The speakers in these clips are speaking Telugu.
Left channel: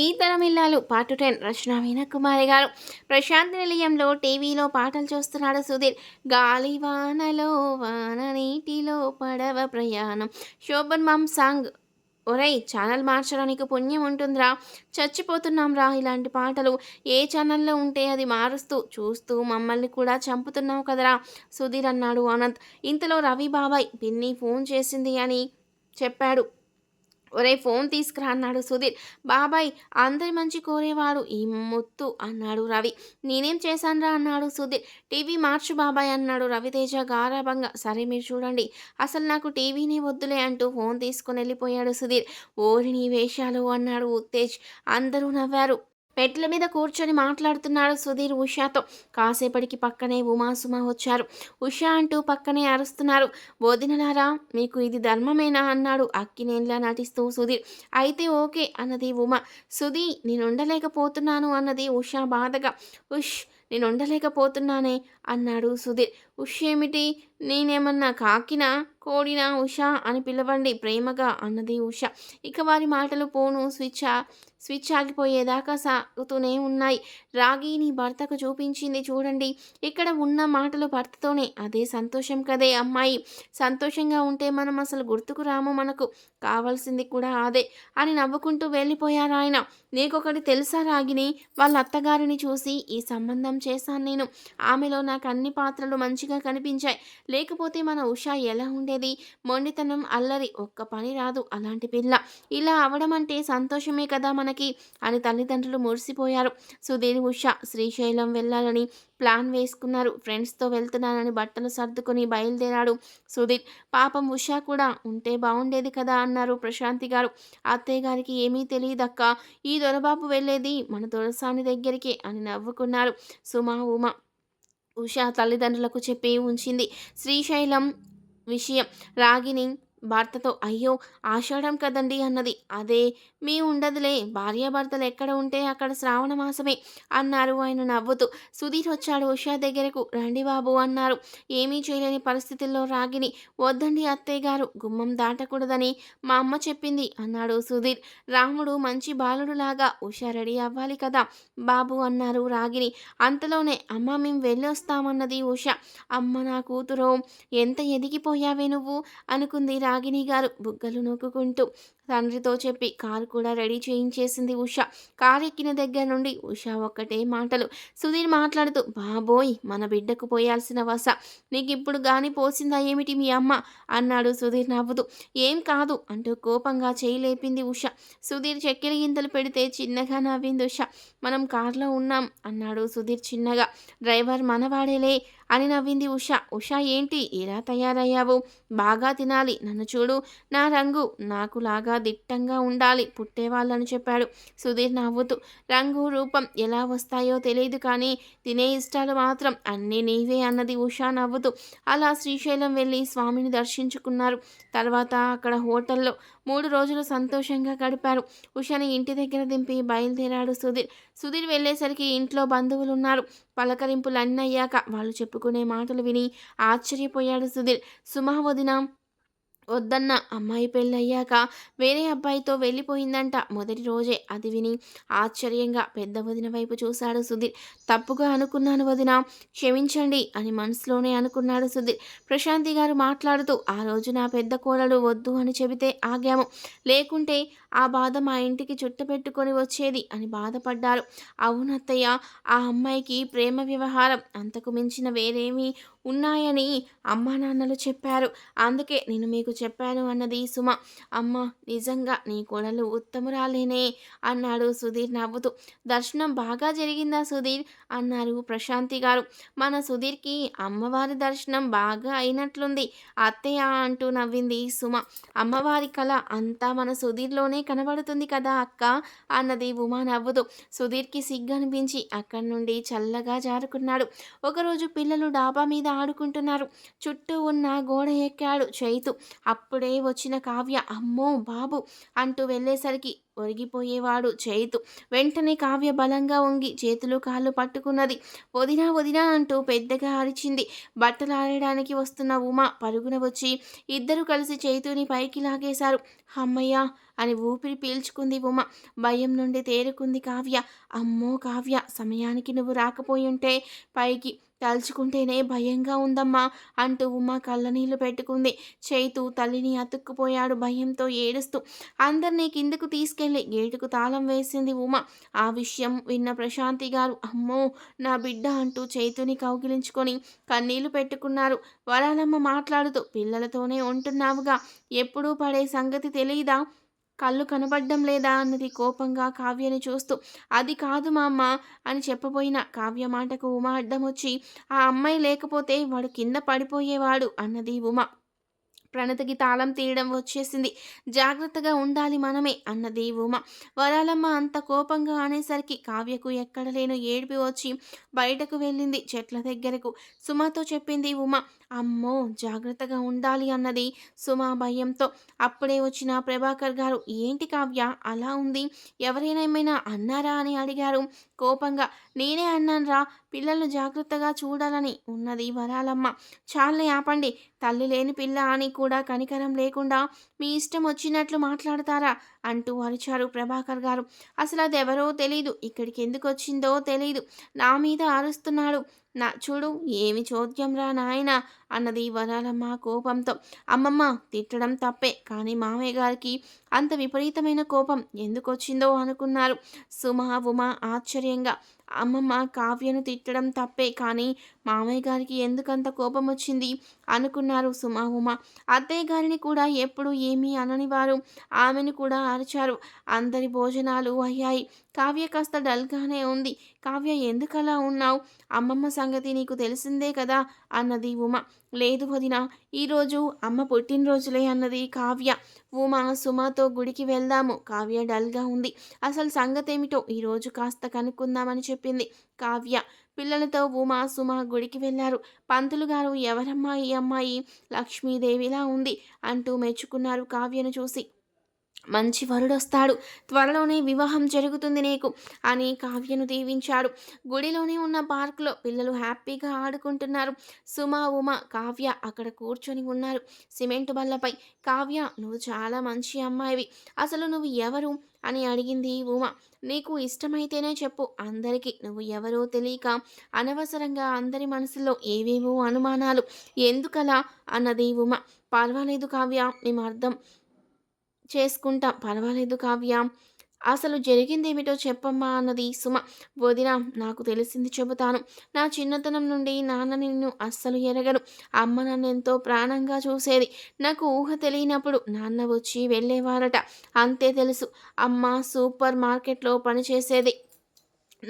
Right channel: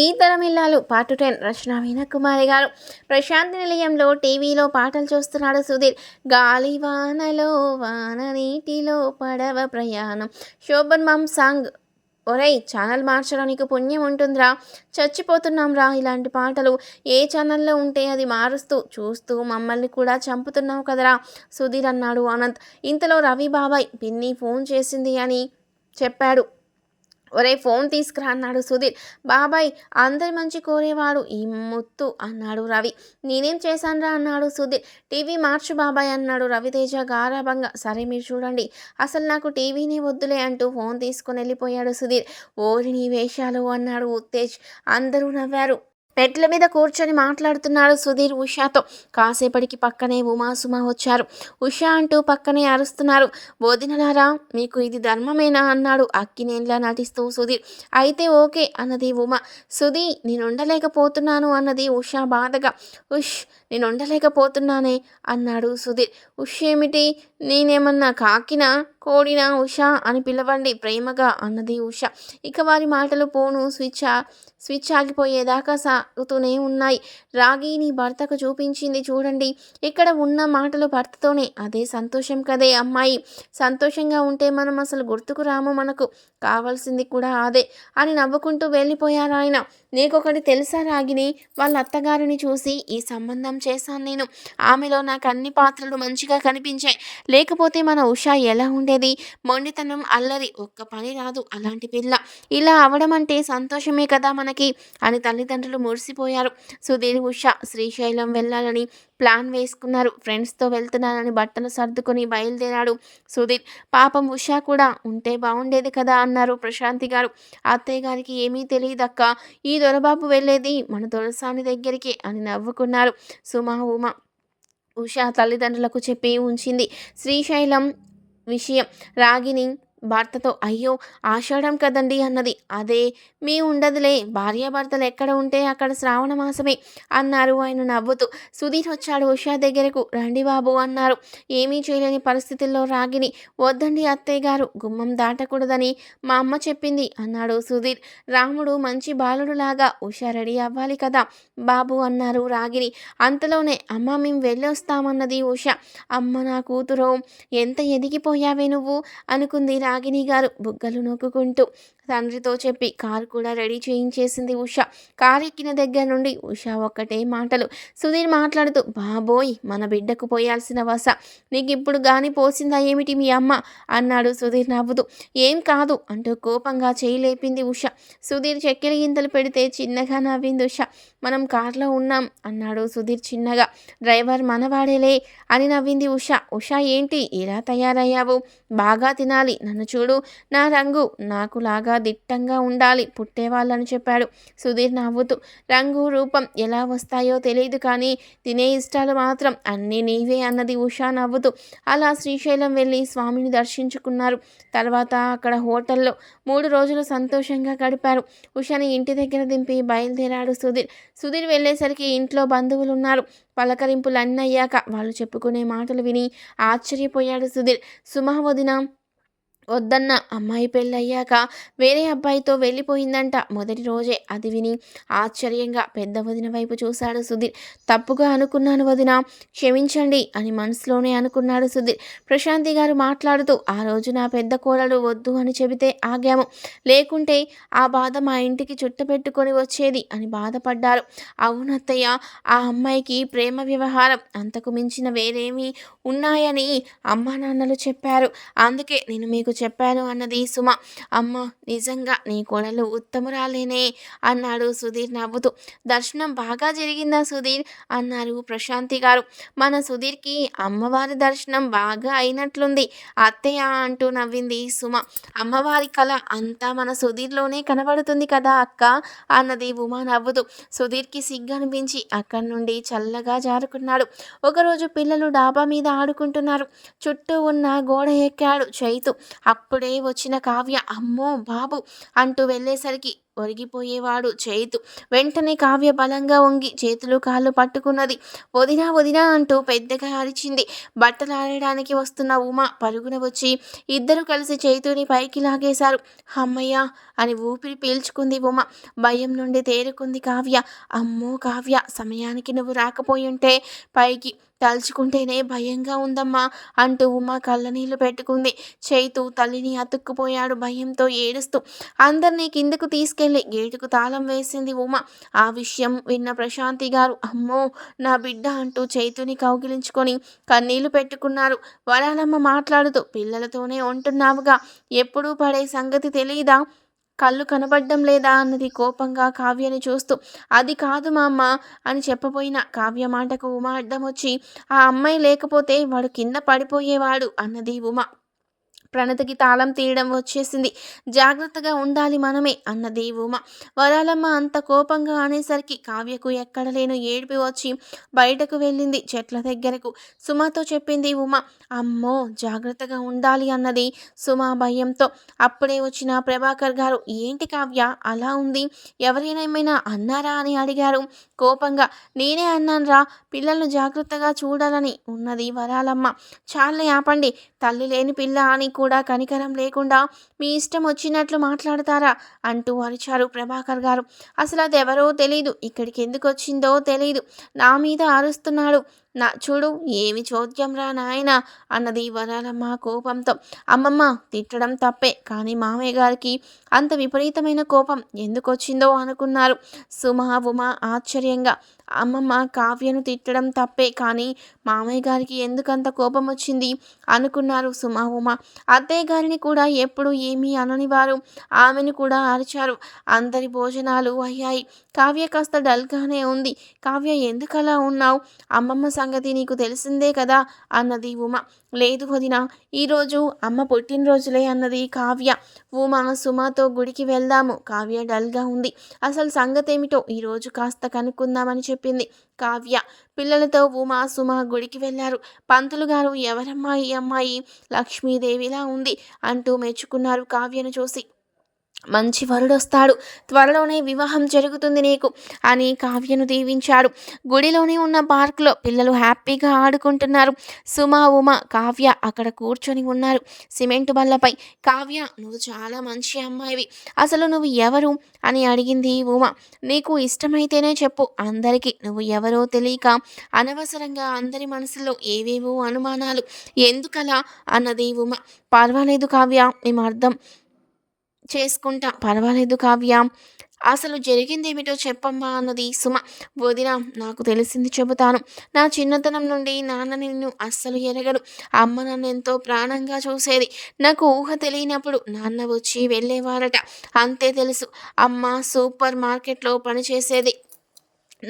ఈ తరమిల్లాలు పార్ట్ టెన్ రచన మీనకుమారి గారు. ప్రశాంతి నిలయంలో టీవీలో పాటలు చూస్తున్నాడు సుధీర్. గాలి వానలో వాన నీటిలో పడవ ప్రయాణం. శోభన్ మామ్ సాంగ్ ఒరేయ్ ఛానల్ మార్చడానికి పుణ్యం ఉంటుందిరా. చచ్చిపోతున్నాం రా ఇలాంటి పాటలు. ఏ ఛానల్లో ఉంటే అది మారుస్తూ చూస్తూ మమ్మల్ని కూడా చంపుతున్నావు కదరా సుధీర్ అన్నాడు అనంత్ ఇంతలో రవి బాబాయ్ పిన్ని ఫోన్ చేసింది అని చెప్పాడు. ఒరే ఫోన్ తీసుకురా అన్నాడు సుధీర్. బాబాయ్ అందరి మంచి కోరేవాడు ఈ ముత్తు అన్నాడు రవి. నేనేం చేశానురా అన్నాడు సుధీర్. టీవీ మార్చు బాబాయ్ అన్నాడు రవితేజ గారాభంగా. సరే మీరు చూడండి. అసలు నాకు టీవీనే వద్దులే అంటూ ఫోన్ తీసుకొని వెళ్ళిపోయాడు సుధీర్. ఓరి నీ వేషాలు అన్నాడు ఉత్తేజ్. అందరూ నవ్వారు. పెట్ల మీద కూర్చొని మాట్లాడుతున్నాడు సుధీర్ ఉషాతో. కాసేపటికి పక్కనే ఉమాసుమ వచ్చారు. ఉషా అంటూ పక్కనే అరుస్తున్నారు. బోధినలారా మీకు ఇది ధర్మమేనా? అన్నాడు అక్కినేన్లా నటిస్తూ సుధీర్. అయితే ఓకే అన్నది ఉమ. సుధీ నేనుండలేకపోతున్నాను అన్నది ఉషా బాధగా. ఉష్ నేను ఉండలేకపోతున్నానే అన్నాడు సుధీర్. ఉష్ ఏమిటి? నేనేమన్నా కాకినా కోడినా ఉషా అని పిలవండి ప్రేమగా అన్నది ఉష. ఇక వారి మాటలు పోను స్విచ్ స్విచ్ ఆగిపోయేదాకా సాగుతూనే ఉన్నాయి. రాగిని భర్తకు చూపించింది చూడండి. ఇక్కడ ఉన్న మాటలు భర్తతోనే. అదే సంతోషం కదే అమ్మాయి. సంతోషంగా ఉంటే మనం అసలు గుర్తుకు రాము మనకు. కావాల్సింది కూడా అదే అని నవ్వుకుంటూ వెళ్ళిపోయారు ఆయన. నీకొకటి తెలుసా రాగిని వాళ్ళ అత్తగారిని చూసి ఈ సంబంధం చేశాను నేను. ఆమెలో నాకు అన్ని పాత్రలు మంచిగా కనిపించాయి. లేకపోతే మన ఉషా ఎలా ఉండేది? మొండితనం అల్లరి ఒక్క పని రాదు అలాంటి పిల్ల. ఇలా అవడం అంటే సంతోషమే కదా మనకి అని తల్లిదండ్రులు మురిసిపోయారు. సుధీర్ ఉషా శ్రీశైలం వెళ్ళాలని ప్లాన్ వేసుకున్నారు. ఫ్రెండ్స్తో వెళ్తున్నానని బట్టలు సర్దుకొని బయలుదేరాడు సుధీర్ పాపం ఉషా కూడా ఉంటే బాగుండేది కదా అన్నారు ప్రశాంతి గారు. అత్తయ్య గారికి ఏమీ తెలియదక్క. ఈ దొరబాబు వెళ్ళేది మన దొరసాని దగ్గరికి అని నవ్వుకున్నారు సుమా ఉమ. ఉషా తల్లిదండ్రులకు చెప్పి ఉంచింది. శ్రీశైలం విషయం. రాగిని భర్తతో అయ్యో ఆషాఢం కదండి అన్నది. అదే మీ ఉండదులే భార్యాభర్తలు ఎక్కడ ఉంటే అక్కడ శ్రావణ మాసమే అన్నారు ఆయన నవ్వుతూ. సుధీర్ వచ్చాడు ఉషా దగ్గరకు రండి బాబు అన్నారు. ఏమీ చేయలేని పరిస్థితుల్లో రాగిని వద్దండి అత్తయ్య గారు గుమ్మం దాటకూడదని మా అమ్మ చెప్పింది అన్నాడు సుధీర్. రాముడు మంచి బాలుడులాగా ఉషా రెడీ అవ్వాలి కదా బాబు అన్నారు రాగిని. అంతలోనే అమ్మ మేము వెళ్ళొస్తామన్నది ఉష. అమ్మ నా కూతురు ఎంత ఎదిగిపోయావే నువ్వు అనుకుంది రాగిని గారు బుగ్గలు నూకుకుంటూ తండ్రితో చెప్పి కారు కూడా రెడీ చేయించేసింది ఉష. కారు ఎక్కిన దగ్గర నుండి ఉష ఒక్కటే మాటలు. సుధీర్ మాట్లాడుతూ బాబోయ్ మన బిడ్డకు పోయాల్సిన వస. నీకు ఇప్పుడు గాని పోసిందా ఏమిటి మీ అమ్మ? అన్నాడు సుధీర్ నవ్వుతూ. ఏం కాదు అంటూ కోపంగా చేయి లేపింది ఉష. సుధీర్ చెక్కెల గింతలు పెడితే చిన్నగా నవ్వింది ఉష. మనం కార్లో ఉన్నాం అన్నాడు సుధీర్ చిన్నగా. డ్రైవర్ మనవాడేలే అని నవ్వింది ఉష. ఉష ఏంటి? ఇలా తయారయ్యావు? బాగా తినాలి. నన్ను చూడు. నా రంగు నాకు లాగా నాకులాగా దిట్టంగా ఉండాలి. పుట్టేవాళ్ళని చెప్పాడు. సుధీర్ నవ్వుతూ రంగు రూపం ఎలా వస్తాయో తెలియదు కానీ తినే ఇష్టాలు మాత్రం అన్నీ నీవే అన్నది ఉషా నవ్వుతూ. అలా శ్రీశైలం వెళ్ళి స్వామిని దర్శించుకున్నారు. తర్వాత అక్కడ హోటల్లో మూడు రోజులు సంతోషంగా గడిపారు. ఉషని ఇంటి దగ్గర దింపి బయలుదేరాడు సుధీర్. సుధీర్ వెళ్ళేసరికి ఇంట్లో బంధువులు ఉన్నారు పలకరింపులు అన్నీ అయ్యాక వాళ్ళు చెప్పుకునే మాటలు విని ఆశ్చర్యపోయాడు సుధీర్. సుమహ వదిన వద్దన్న అమ్మాయి పెళ్ళయ్యాక వేరే అబ్బాయితో వెళ్ళిపోయిందంట మొదటి రోజే. అది విని ఆశ్చర్యంగా పెద్ద వదిన వైపు చూశాడు సుధీర్. తప్పుగా అనుకున్నాను వదిన క్షమించండి అని మనసులోనే అనుకున్నాడు సుధీర్. ప్రశాంతి గారు మాట్లాడుతూ ఆ రోజు నా పెద్ద కోడలు వద్దు అని చెబితే ఆగాము. లేకుంటే ఆ బాధ మా ఇంటికి చుట్టపెట్టుకొని వచ్చేది అని బాధపడ్డారు. అవునత్తయ్య ఆ అమ్మాయికి ప్రేమ వ్యవహారం. అంతకు మించిన వేరేమీ ఉన్నాయని అమ్మా నాన్నలు చెప్పారు. అందుకే నేను మీకు చెప్పాను అన్నది సుమ. అమ్మ నిజంగా నీ కొడలు ఉత్తమురాలేనే అన్నాడు సుధీర్ నవ్వుతూ. దర్శనం బాగా జరిగిందా సుధీర్? అన్నారు ప్రశాంతి గారు. మన సుధీర్కి అమ్మవారి దర్శనం బాగా అయినట్లుంది. అత్తయ్య అంటూ నవ్వింది సుమ. అమ్మవారి కళ అంతా మన సుధీర్లోనే కనబడుతుంది కదా అక్క? అన్నది ఉమా నవ్వుతూ. సుధీర్కి సిగ్గు అనిపించి అక్కడి నుండి చల్లగా జారుకున్నాడు. ఒకరోజు పిల్లలు డాబా మీద ఆడుకుంటున్నారు చుట్టూ ఉన్న గోడ ఎక్కాడు చైతు. అప్పుడే వచ్చిన కావ్య అమ్మో బాబు అంటూ వెళ్ళేసరికి ఒరిగిపోయేవాడు చేతు. వెంటనే కావ్య బలంగా వంగి చేతులు కాళ్ళు పట్టుకున్నది. వదినా వదినా అంటూ పెద్దగా అరిచింది. బట్టలు ఆడడానికి వస్తున్న ఉమ పరుగున వచ్చి ఇద్దరు కలిసి చేతుని పైకి లాగేశారు. అమ్మయ్య అని ఊపిరి పీల్చుకుంది ఉమ. భయం నుండి తేరుకుంది కావ్య. అమ్మో కావ్య సమయానికి నువ్వు రాకపోయి ఉంటే పైకి తలుచుకుంటేనే భయంగా ఉందమ్మా అంటూ ఉమ కళ్ళనీళ్ళు పెట్టుకుంది. చైతు తల్లిని అతుక్కుపోయాడు భయంతో ఏడుస్తూ. అందరినీ కిందకు తీసుకెళ్ళి గేటుకు తాళం వేసింది ఉమ. ఆ విషయం విన్న ప్రశాంతి గారు అమ్మో నా బిడ్డ అంటూ చైతుని కౌగిలించుకొని కన్నీళ్ళు పెట్టుకున్నారు. వరాలమ్మ మాట్లాడుతూ పిల్లలతోనే ఉంటున్నావుగా. ఎప్పుడూ పడే సంగతి తెలియదా కళ్ళు కనబడ్డం లేదా అన్నది కోపంగా కావ్యని చూస్తూ అది కాదు మా అమ్మ అని చెప్పబోయిన కావ్య మాటకు ఉమ అడ్డం వచ్చి ఆ అమ్మాయి లేకపోతే వాడు కింద పడిపోయేవాడు అన్నది ఉమ. ప్రణతికి తాళం తీయడం వచ్చేసింది. జాగ్రత్తగా ఉండాలి మనమే అన్నది ఉమ. వరాలమ్మ అంత కోపంగా అనేసరికి కావ్యకు ఎక్కడ లేను ఏడిపి వచ్చి బయటకు వెళ్ళింది చెట్ల దగ్గరకు. సుమతో చెప్పింది ఉమ అమ్మో జాగ్రత్తగా ఉండాలి అన్నది సుమా భయంతో. అప్పుడే వచ్చిన ప్రభాకర్ గారు ఏంటి కావ్య అలా ఉంది? ఎవరైనా ఏమైనా అన్నారా? అని అడిగారు. కోపంగా నేనే అన్నానురా పిల్లలను జాగ్రత్తగా చూడాలని ఉన్నది వరాలమ్మ. చాలని ఆపండి తల్లి లేని పిల్ల అని కూడా కనికరం లేకుండా మీ ఇష్టం వచ్చినట్లు మాట్లాడతారా? అంటూ అరిచారు ప్రభాకర్ గారు. అసలు అది ఎవరో తెలియదు ఇక్కడికి ఎందుకు వచ్చిందో తెలియదు నా మీద అరుస్తున్నాడు. నా చూడు ఏమి చోద్యం రా నాయన అన్నది వరాలమ్మ కోపంతో. అమ్మమ్మ తిట్టడం తప్పే కానీ మామయ్య గారికి అంత విపరీతమైన కోపం ఎందుకొచ్చిందో అనుకున్నారు సుమా ఉమా ఆశ్చర్యంగా. అమ్మమ్మ కావ్యను తిట్టడం తప్పే కానీ మామయ్య గారికి ఎందుకంత కోపం వచ్చింది? అనుకున్నారు సుమా ఉమ. అత్తయ్య గారిని కూడా ఎప్పుడు ఏమీ అననివారు ఆమెను కూడా అరిచారు. అందరి భోజనాలు అయ్యాయి. కావ్య కాస్త డల్గానే ఉంది. కావ్య ఎందుకలా ఉన్నావు? అమ్మమ్మ సంగతి నీకు తెలిసిందే కదా అన్నది ఉమ. లేదు వదిన ఈరోజు అమ్మ పుట్టినరోజులే అన్నది కావ్య. ఉమా సుమాతో గుడికి వెళ్దాము. కావ్య డల్గా ఉంది. అసలు సంగతేమిటో ఈరోజు కాస్త కనుక్కుందామని చెప్పి చెప్పింది. కావ్య పిల్లలతో ఉమా సుమ గుడికి వెళ్ళారు. పంతులు గారు ఎవరమ్మాయి అమ్మాయి? లక్ష్మీదేవిలా ఉంది అంటూ మెచ్చుకున్నారు కావ్యను చూసి. మంచి వరుడొస్తాడు. త్వరలోనే వివాహం జరుగుతుంది నీకు. అని కావ్యను దీవించాడు. గుడిలోనే ఉన్న పార్కులో పిల్లలు హ్యాపీగా ఆడుకుంటున్నారు. సుమ ఉమ కావ్య అక్కడ కూర్చొని ఉన్నారు. సిమెంట్ బల్లపై కావ్య నువ్వు చాలా మంచి అమ్మాయివి. అసలు నువ్వు ఎవరు? అని అడిగింది ఉమ. నీకు ఇష్టమైతేనే చెప్పు. అందరికీ నువ్వు ఎవరో తెలియక అనవసరంగా అందరి మనసులో ఏవేవో అనుమానాలు. ఎందుకలా? అన్నది ఉమ. పర్వాలేదు కావ్య మేము అర్థం చేసుకుంటా. పర్వాలేదు కావ్య. అసలు జరిగిందేమిటో చెప్పమ్మా అన్నది సుమ. వదిన నాకు తెలిసింది చెబుతాను. నా చిన్నతనం నుండి నాన్న నిన్ను అస్సలు ఎరగడు. అమ్మ నన్ను ఎంతో ప్రాణంగా చూసేది. నాకు ఊహ తెలియనప్పుడు నాన్న వచ్చి వెళ్ళేవారట. అంతే తెలుసు. అమ్మ సూపర్ మార్కెట్లో పనిచేసేది.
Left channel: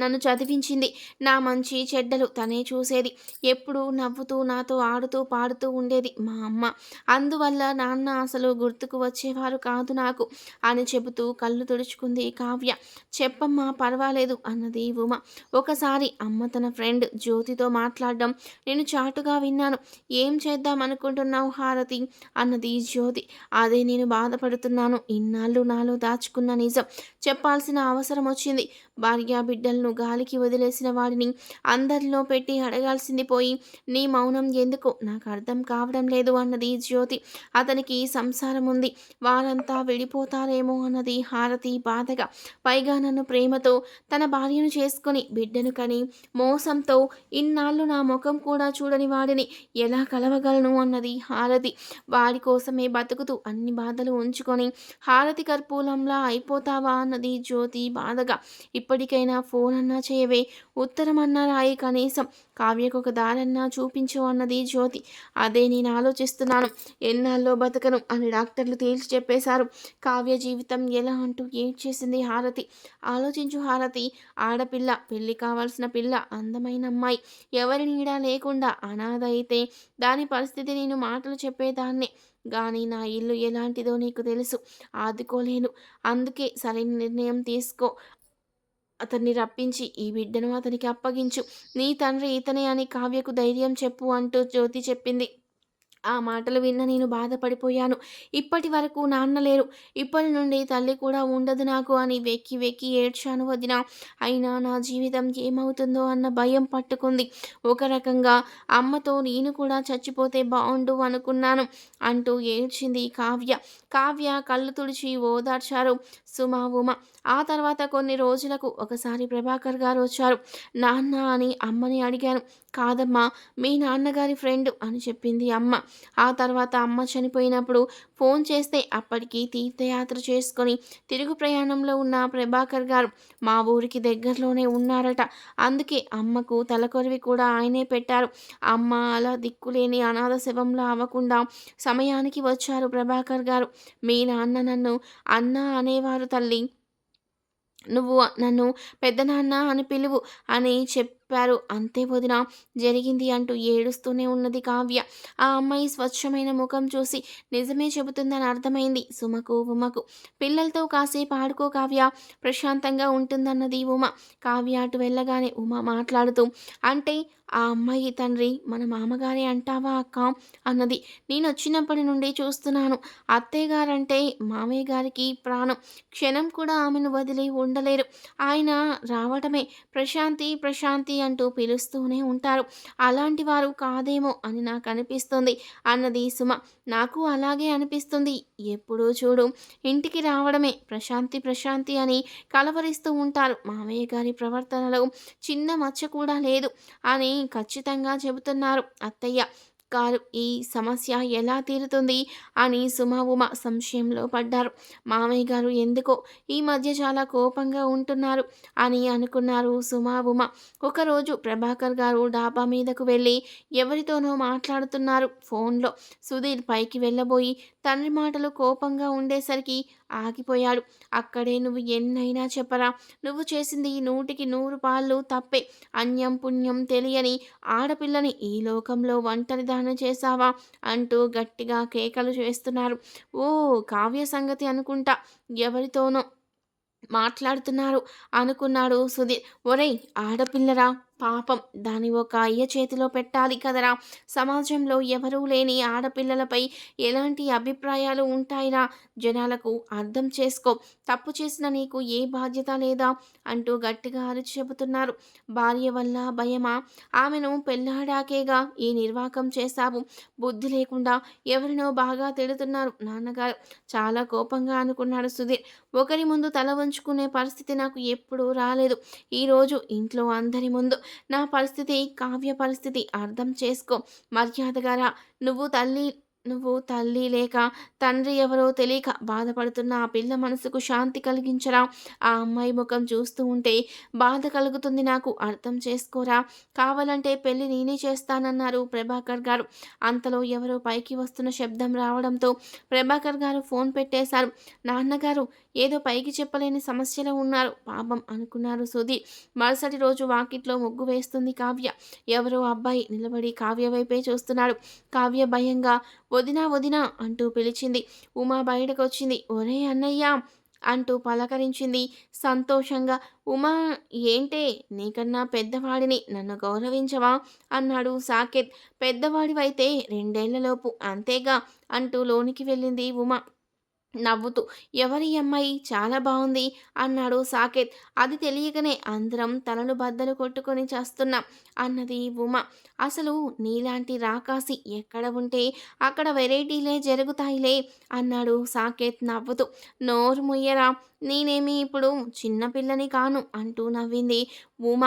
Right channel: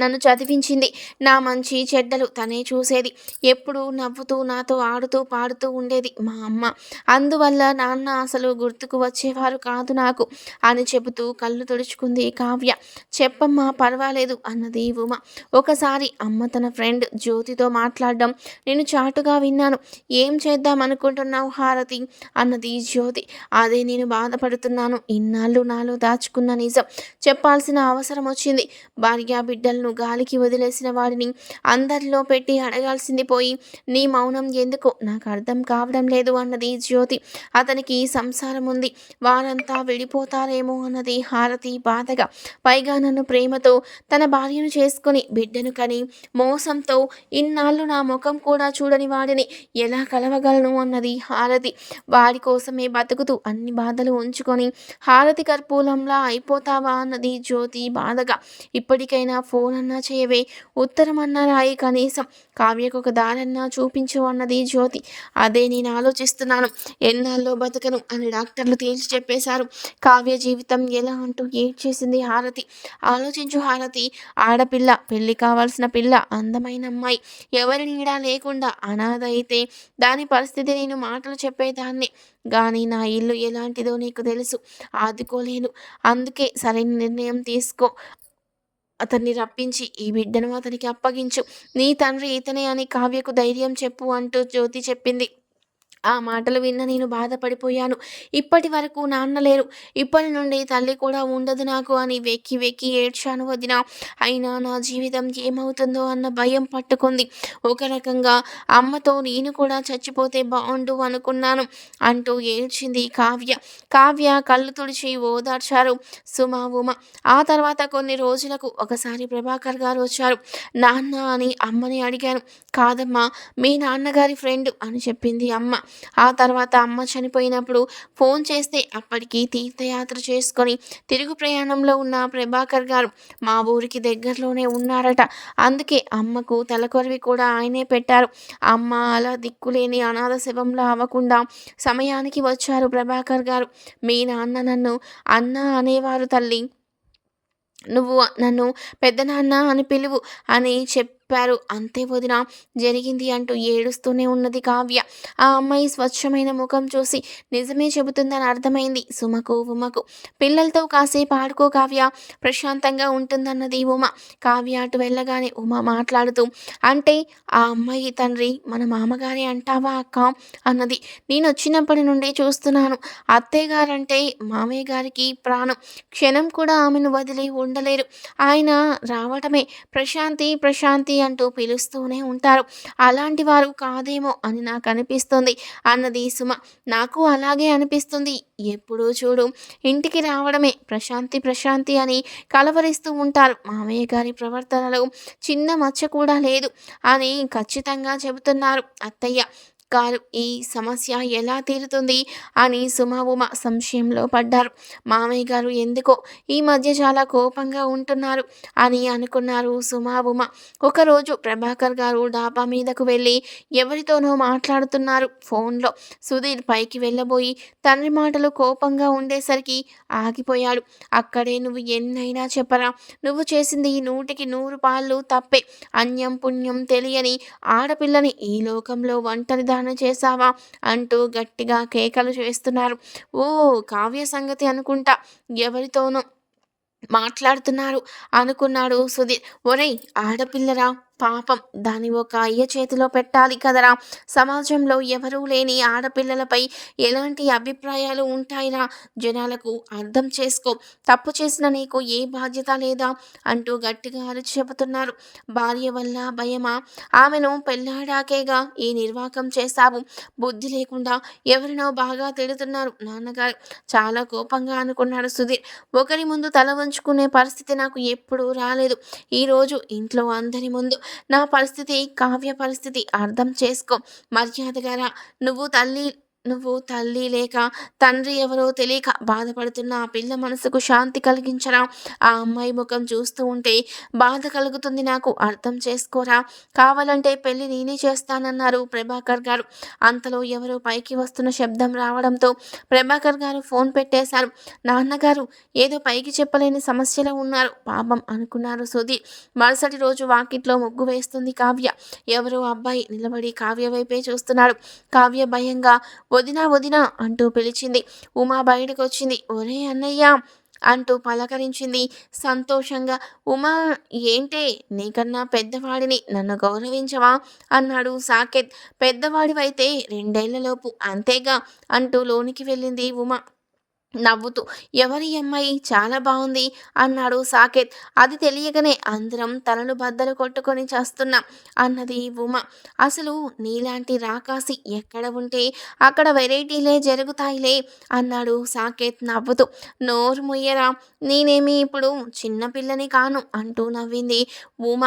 నన్ను చదివించింది. నా మంచి చెడ్డలు తనే చూసేది. ఎప్పుడు నవ్వుతూ నాతో ఆడుతూ పాడుతూ ఉండేది మా అమ్మ. అందువల్ల నాన్న అసలు గుర్తుకు వచ్చేవారు కాదు నాకు అని చెబుతూ కళ్ళు తుడుచుకుంది కావ్య. చెప్పమ్మా పర్వాలేదు అన్నది ఉమ. ఒకసారి అమ్మ తన ఫ్రెండ్ జ్యోతితో మాట్లాడడం నేను చాటుగా విన్నాను. ఏం చేద్దాం అనుకుంటున్నావు హారతి? అన్నది జ్యోతి. అదే నేను బాధపడుతున్నాను. ఇన్నాళ్ళు నాలో దాచుకున్న నిజం చెప్పాల్సిన అవసరం వచ్చింది. భార్య బిడ్డలను నన్ను గాలికి వదిలేసిన వాడిని అందరిలో పెట్టి అడగాల్సింది పోయి నీ మౌనం ఎందుకు? నాకు అర్థం కావడం లేదు అన్నది జ్యోతి. అతనికి సంసారం ఉంది. వారంతా విడిపోతారేమో అన్నది హారతి బాధగా. పైగా నన్ను ప్రేమతో తన భార్యను చేసుకుని బిడ్డను కని మోసంతో ఇన్నాళ్ళు నా ముఖం కూడా చూడని వాడిని ఎలా కలవగలను అన్నది హారతి. వాడి కోసమే బతుకుతూ అన్ని బాధలు ఉంచుకొని హారతి కర్పూలంలా అయిపోతావా అన్నది జ్యోతి బాధగా. ఇప్పటికైనా ఫోన్ ఫోనన్నా చేయవే ఉత్తరమన్నా రాయి కనీసం. కావ్యకు ఒక దారన్నా చూపించు అన్నది జ్యోతి. అదే నేను ఆలోచిస్తున్నాను. ఎన్నాళ్ళలో బతకను అని డాక్టర్లు తేల్చి చెప్పేశారు. కావ్య జీవితం ఎలా అంటూ చేసింది హారతి? ఆలోచించు హారతి. ఆడపిల్ల పెళ్ళి కావాల్సిన పిల్ల అందమైన అమ్మాయి. ఎవరి నీడా లేకుండా అనాథ అయితే దాని పరిస్థితి నేను మాటలు చెప్పేదాన్ని. కానీ నా ఇల్లు ఎలాంటిదో నీకు తెలుసు. ఆదుకోలేను. అందుకే సరైన నిర్ణయం తీసుకో. అతన్ని రప్పించి ఈ బిడ్డను అతనికి అప్పగించు. నీ తండ్రి ఇతనే అని కావ్యకు ధైర్యం చెప్పు అంటూ జ్యోతి చెప్పింది. ఆ మాటలు విన్న నేను బాధపడిపోయాను. ఇప్పటి వరకు నాన్న లేరు. ఇప్పటి నుండి తల్లి కూడా ఉండదు నాకు అని వెక్కి వెక్కి ఏడ్చాను వదిన. అయినా నా జీవితం ఏమవుతుందో అన్న భయం పట్టుకుంది. ఒక రకంగా అమ్మతో నేను కూడా చచ్చిపోతే బాగుండు అనుకున్నాను అంటూ ఏడ్చింది కావ్య. కావ్య కళ్ళు తుడిచి ఓదార్చారు. సుమ ఉమ. ఆ తర్వాత కొన్ని రోజులకు ఒకసారి ప్రభాకర్ గారు వచ్చారు. నాన్న అని అమ్మని అడిగాను. కాదమ్మా మీ నాన్నగారి ఫ్రెండ్ అని చెప్పింది అమ్మ. ఆ తర్వాత అమ్మ చనిపోయినప్పుడు ఫోన్ చేస్తే అప్పటికి తీర్థయాత్ర చేసుకొని తిరుగు ప్రయాణంలో ఉన్న ప్రభాకర్ గారు మా ఊరికి దగ్గరలోనే ఉన్నారట. అందుకే అమ్మకు తలకొరివి కూడా ఆయనే పెట్టారు. అమ్మ అలా దిక్కులేని అనాథ శవంలో అవ్వకుండా సమయానికి వచ్చారు ప్రభాకర్ గారు. మీ నాన్న నన్ను అన్న అనేవారు తల్లి. నువ్వు నన్ను పెద్దనాన్న అని పిలువు అని చెప్పారు. అంతే వదిన జరిగింది అంటూ ఏడుస్తూనే ఉన్నది కావ్య. ఆ అమ్మాయి స్వచ్ఛమైన ముఖం చూసి నిజమే చెబుతుందని అర్థమైంది. సుమకు ఉమకు. పిల్లలతో కాసేపు ఆడుకో కావ్య. ప్రశాంతంగా ఉంటుందన్నది ఉమ. కావ్య అటు వెళ్ళగానే ఉమ మాట్లాడుతూ అంటే ఆ అమ్మాయి తండ్రి మన మామగారే అంటావా అక్క? అన్నది. నేను వచ్చినప్పటి నుండి చూస్తున్నాను. అత్తయ్య గారంటే మామయ్య గారికి ప్రాణం. క్షణం కూడా ఆమెను వదిలి ఉండలేరు. ఆయన రావటమే. ప్రశాంతి ప్రశాంతి అంటూ పిలుస్తూనే ఉంటారు. అలాంటి వారు కాదేమో అని నాకు అనిపిస్తుంది. అన్నది సుమ. నాకు అలాగే అనిపిస్తుంది. ఎప్పుడూ చూడు ఇంటికి రావడమే ప్రశాంతి ప్రశాంతి అని కలవరిస్తూ ఉంటారు మామయ్య గారి ప్రవర్తనలో. చిన్న మచ్చ కూడా లేదు అని ఖచ్చితంగా చెబుతున్నారు అత్తయ్య. గారు ఈ సమస్య ఎలా తీరుతుంది అని సుమ ఉమ సంశయంలో పడ్డారు. మామయ్య గారు ఎందుకో ఈ మధ్య చాలా కోపంగా ఉంటున్నారు అని అనుకున్నారు సుమ ఉమ. ఒకరోజు ప్రభాకర్ గారు డాబా మీదకు వెళ్ళి ఎవరితోనో మాట్లాడుతున్నారు. ఫోన్లో సుధీర్ పైకి వెళ్ళబోయి తండ్రి మాటలు కోపంగా ఉండేసరికి ఆగిపోయాడు. అక్కడే నువ్వు ఎన్నైనా చెప్పరా? నువ్వు చేసింది నూటికి నూరు పాళ్ళు తప్పే. అన్యం పుణ్యం తెలియని ఆడపిల్లని ఈ లోకంలో ఒంటరి దానం చేశావా? అంటూ గట్టిగా కేకలు చేస్తున్నారు. ఓ కావ్య సంగతి అనుకుంటా. ఎవరితోనో మాట్లాడుతున్నారు అనుకున్నాడు సుధీర్. ఒరేయ్ ఆడపిల్లరా? పాపం దాని ఒక అయ్య చేతిలో పెట్టాలి కదరా. సమాజంలో ఎవరూ లేని ఆడపిల్లలపై ఎలాంటి అభిప్రాయాలు ఉంటాయిరా? జనాలకు అర్థం చేసుకో. తప్పు చేసిన నీకు ఏ బాధ్యత లేదా? అంటూ గట్టిగా అరిచి చెబుతున్నారు భార్య వల్ల భయమా? ఆమెను పెళ్ళాడాకేగా ఈ నిర్వాకం చేశావు? బుద్ధి లేకుండా ఎవరినో బాగా తిడుతున్నారు నాన్నగారు. చాలా కోపంగా అనుకున్నాడు సుధీర్. ఒకరి ముందు తల వంచుకునే పరిస్థితి నాకు ఎప్పుడూ రాలేదు. ఈరోజు ఇంట్లో అందరి ముందు నా పరిస్థితి కావ్య పరిస్థితి అర్థం చేసుకో. మర్యాదగా నువ్వు తల్లి నువ్వు తల్లి లేక తండ్రి ఎవరో తెలియక బాధపడుతున్న ఆ పిల్ల మనసుకు శాంతి కలిగించరా? ఆ అమ్మాయి ముఖం చూస్తూ ఉంటే బాధ కలుగుతుంది నాకు అర్థం చేసుకోరా? కావాలంటే పెళ్ళి నేనే చేస్తానన్నారు ప్రభాకర్ గారు. అంతలో ఎవరో పైకి వస్తున్న శబ్దం రావడంతో ప్రభాకర్ గారు ఫోన్ పెట్టేశారు. నాన్నగారు ఏదో పైకి చెప్పలేని సమస్యలో ఉన్నారు. పాపం అనుకున్నారు సుధీర్. మరుసటి రోజు వాకిట్లో ముగ్గు వేస్తుంది కావ్య. ఎవరో అబ్బాయి నిలబడి కావ్య వైపే చూస్తున్నాడు. కావ్య భయంగా వదినా వదినా అంటూ పిలిచింది. ఉమా బయటకు వచ్చింది ఒరే అన్నయ్య అంటూ పలకరించింది. సంతోషంగా ఉమా ఏంటే? నీకన్నా పెద్దవాడిని నన్ను గౌరవించవా? అన్నాడు సాకేత్. పెద్దవాడివైతే రెండేళ్ళలోపు అంతేగా అంటూ లోనికి వెళ్ళింది ఉమా. నవ్వుతూ ఎవరి అమ్మాయి చాలా బాగుంది అన్నాడు సాకేత్. అది తెలియకనే అందరం తలలు బద్దలు కొట్టుకొని చేస్తున్నాం అన్నది ఉమ. అసలు నీలాంటి రాకాసి ఎక్కడ ఉంటే అక్కడ వెరైటీలే జరుగుతాయిలే అన్నాడు సాకేత్ నవ్వుతూ. నోరు ముయ్యరా నేనేమి ఇప్పుడు చిన్నపిల్లని కాను అంటూ నవ్వింది ఉమ.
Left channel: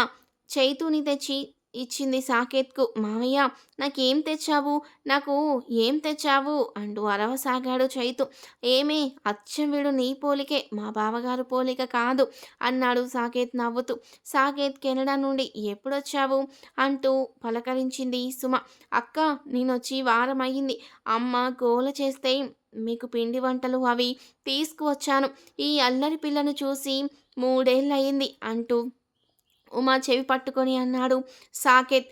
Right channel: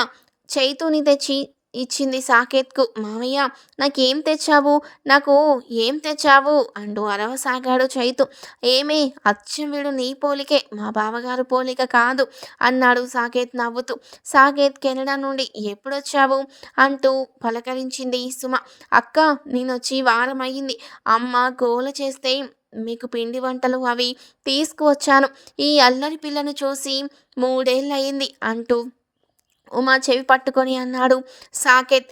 చైతూని తెచ్చి ఇచ్చింది సాకేత్కు మామయ్య నాకేం తెచ్చావు? నాకు ఏం తెచ్చావు? అంటూ అరవసాగాడు చైతు. ఏమే అచ్చం వీడు నీ పోలికే మా బావగారు పోలిక కాదు అన్నాడు సాకేత్ నవ్వుతూ. సాకేత్ కెనడా నుండి ఎప్పుడొచ్చావు? అంటూ పలకరించింది సుమ. అక్క నేనొచ్చి వారం అయ్యింది అమ్మ గోల చేస్తే మీకు పిండి వంటలు అవి తీసుకువచ్చాను. ఈ అల్లరి పిల్లను చూసి మూడేళ్ళయింది అంటూ ఉమా చెవి పట్టుకొని అన్నాడు. సాకేత్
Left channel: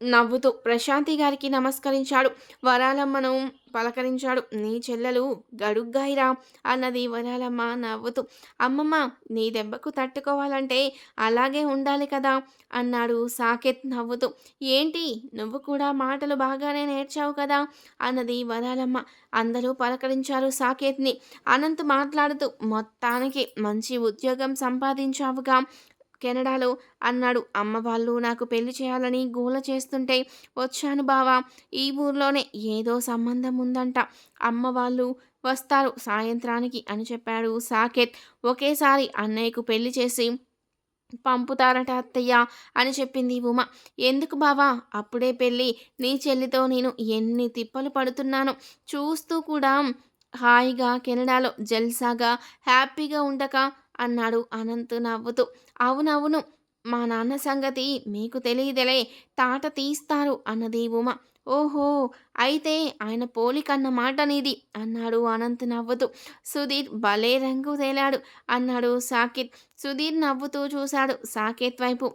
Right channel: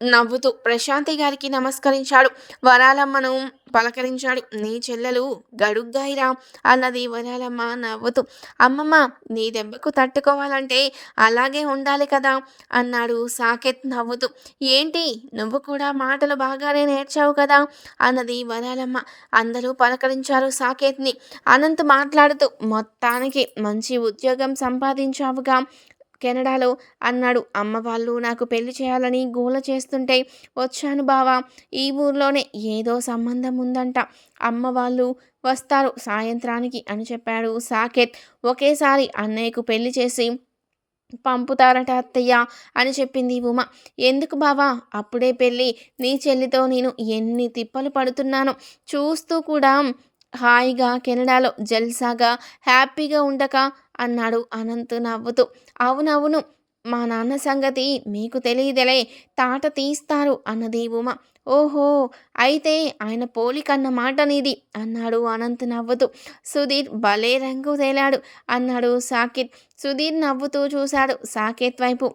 నవ్వుతూ ప్రశాంతి గారికి నమస్కరించాడు. వరాలమ్మను పలకరించాడు. నీ చెల్లెలు గడుగ్గాయిరా అన్నది వరాలమ్మ నవ్వుతూ. అమ్మమ్మ నీ దెబ్బకు తట్టుకోవాలంటే అలాగే ఉండాలి కదా అన్నాడు సాకేత్ నవ్వుతూ. ఏంటి? నువ్వు కూడా మాటలు బాగానే నేర్చావు కదా అన్నది వరాలమ్మ. అందరూ పలకరించారు సాకేత్ని. అనంత్ మాట్లాడుతూ మొత్తానికి మంచి ఉద్యోగం సంపాదించావుగా. కెనడాలో అన్నాడు. అమ్మ వాళ్ళు నాకు పెళ్ళి చేయాలని గోల చేస్తుంటే వచ్చాను బావా. ఈ ఊర్లోనే ఏదో సంబంధం ఉందంట. అమ్మ వాళ్ళు వస్తారు సాయంత్రానికి అని చెప్పాడు సాకేత్. ఒకేసారి అన్నయ్యకు పెళ్ళి చేసి పంపుతారట అత్తయ్య అని చెప్పింది ఉమ. ఎందుకు బావా? అప్పుడే పెళ్ళి. నీ చెల్లితో నేను ఎన్ని తిప్పలు పడుతున్నాను చూస్తూ కూడా హాయిగా కెనడాలో జల్సాగా హ్యాపీగా ఉండక అన్నాడు అనంత్ నవ్వుతూ. అవునవును. మా నాన్న సంగతి మీకు తెలియదలే. తాట తీస్తారు అన్నది ఉమ. ఓహో అయితే ఆయన పోలికన్న మాట నీది అన్నాడు అనంత్ నవ్వుతూ. సుధీర్ భలే రంగు తేలాడు అన్నాడు సాకిత్. సుధీర్ నవ్వుతూ చూశాడు సాకేత్ వైపు.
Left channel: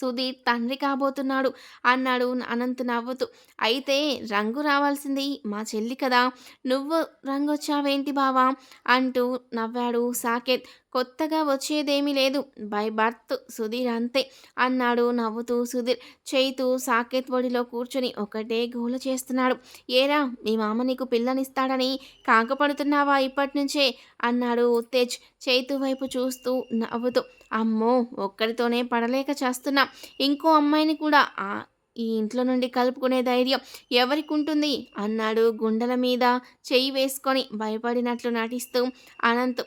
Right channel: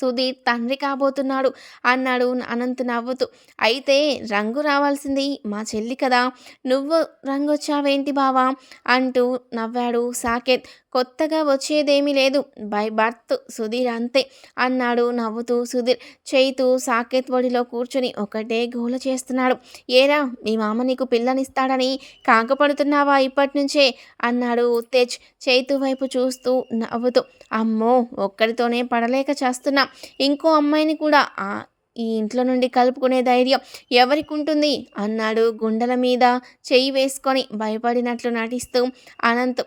సుధీర్ తండ్రి కాబోతున్నాడు. అన్నాడు అనంత్ నవ్వుతూ. అయితే రంగు రావాల్సింది మా చెల్లి కదా. నువ్వు రంగు వచ్చావేంటి బావా? అంటూ నవ్వాడు సాకేత్. కొత్తగా వచ్చేదేమీ లేదు. బై బర్త్ సుధీర్ అంతే అన్నాడు నవ్వుతూ సుధీర్. చేయితూ సాకేత్ ఒడిలో కూర్చుని ఒకటే గోల చేస్తున్నాడు. ఏరా మీ మామ నీకు పిల్లనిస్తాడని కాకపడుతున్నావా ఇప్పటి నుంచే అన్నాడు ఉత్తేజ్. చేతు వైపు చూస్తూ నవ్వుతూ. అమ్మో ఒక్కడితోనే పడలేక చేస్తున్నా. ఇంకో అమ్మాయిని కూడా ఆ ఈ ఇంట్లో నుండి కలుపుకునే ధైర్యం ఎవరికి ఉంటుంది అన్నాడు గుండెల మీద చెయ్యి వేసుకొని భయపడినట్లు నటిస్తూ అనంత్.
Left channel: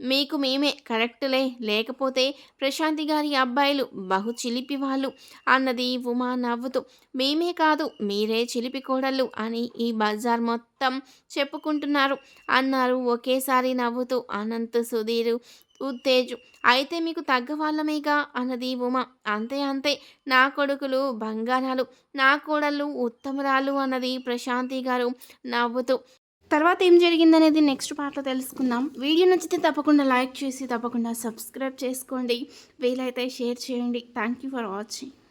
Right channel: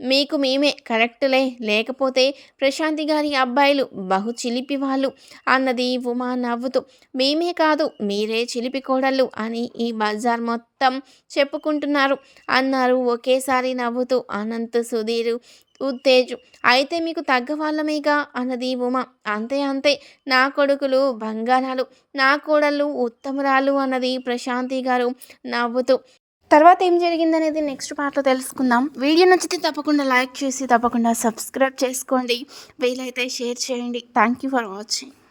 మీకు మేమే కరెక్ట్లే లేకపోతే ప్రశాంతి గారి అబ్బాయిలు బహు చిలిపి వాళ్ళు అన్నది ఉమా నవ్వుతూ. మేమే కాదు మీరే చిలిపి కోడళ్ళు అని ఈ బజార్ మొత్తం చెప్పుకుంటున్నారు అన్నారు ఒకేసారి నవ్వుతూ అనంత్ సుధీర్. ఉత్తేజ్. అయితే మీకు తగ్గ వాళ్ళమేగా అన్నది ఉమ. అంతే అంతే. నా కొడుకులు బంగారాలు నా కోడళ్ళు ఉత్తమరాలు అన్నది ప్రశాంతి గారు నవ్వుతూ. తర్వాత ఏం జరిగిందనేది నెక్స్ట్ పార్ట్లో తెలుసుకుందాం. వీడియో నచ్చితే తప్పకుండా లైక్ చేసి తప్పకుండా సబ్స్క్రైబ్ చేసుకోండి. వీలైతే షేర్ చేయండి. Thank you for watching.